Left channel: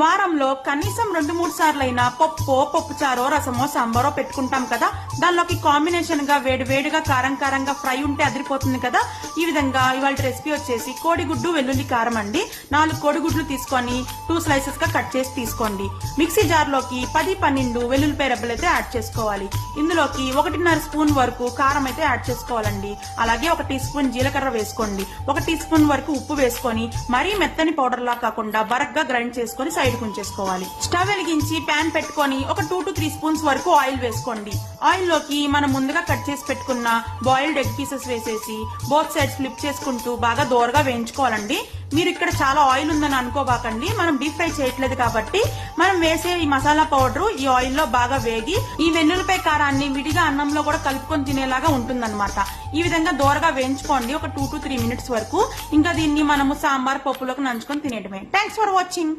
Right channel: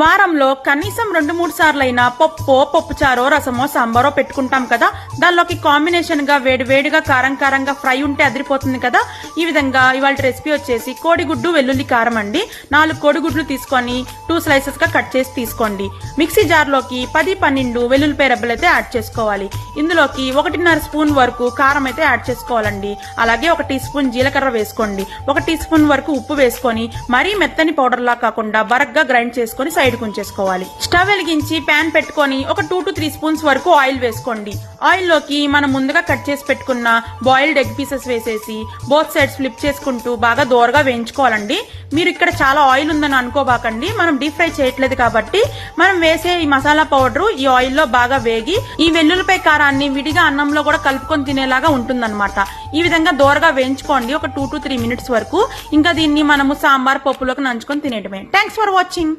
వారంలో కనీసం 2-3 సార్లైనా పప్పుచారో రసమో సాంబారో పెట్టుకుంటాం కదా. దానిలోకి కాంబినేషన్ గా వేడివేడిగా కారంగా ఫ్రై ఉంటే అదిరిపోతుంది కదా. ఈ విధంగా ఇవాళ రెసిపీ వచ్చేసి కోడిగుడ్డు వెల్లుల్లి కారం అండి. 4 కోడిగుడ్లు తీసుకొని 2 స్లైసెస్ గా కట్ చేసి తీసుకోండి. మిక్సీ జార్ లోకి 10-12 వెల్లుల్లిపాయ రెబ్బలు అయితే యాడ్ చేసుకోవాలి. ఇందులోకి 1.5 స్పూన్ వరకు కారం అయితే యాడ్ చేసుకోవాలండి. అలాగే 1 టీ స్పూన్ జీలకర్ర వేసుకోండి. 1 టీ స్పూన్ వరకు ఉప్పు వేసుకొని మరీ మెత్తని పౌడర్ లా కాకుండా బరగ్గా గ్రైండ్ చేసుకొని సైడ్ ఉంచేసుకోవాలి. స్టవ్ వెలిగించి ప్యాన్ పెట్టుకొని ఒక 2-3 స్పూన్స్ వరకు ఆయిల్ వేసుకోండి. ఆయిల్ లోకి మనం ముందుగా కట్ చేసి పెట్టుకున్న బాయిల్డ్ ఎగ్ పీసెస్ వేసేసి బోత్ సైడ్స్ ఫ్లిప్ చేసుకుంటూ బాగా దోరగా వేయించుకోవాలండి. మీరు ఇక్కడ చాలా ఆయిల్ ఉందని అనుకోబాకండి, మనం డీప్ ఫ్రై చేయట్లేదు కాబట్టి మనం వేసే ఈ మసాలా పౌడర్ ఈ ఆయిల్ లో బాగా వేగి ఈ వెల్లుల్లిపాయ కారాన్ని విడిగా అన్నంలో కూడా కలుపుకొని తినేలాగా ఉంటుందన్నమాట. ఈ విధంగా దోరగా వేయించుకోండి ఒక 2-3 మినిట్స్ వరకు. ఇంకా దీన్ని మనము సాంబార్ పప్పులోకి నంచుకొని తినేయడమే. Thanks for watching.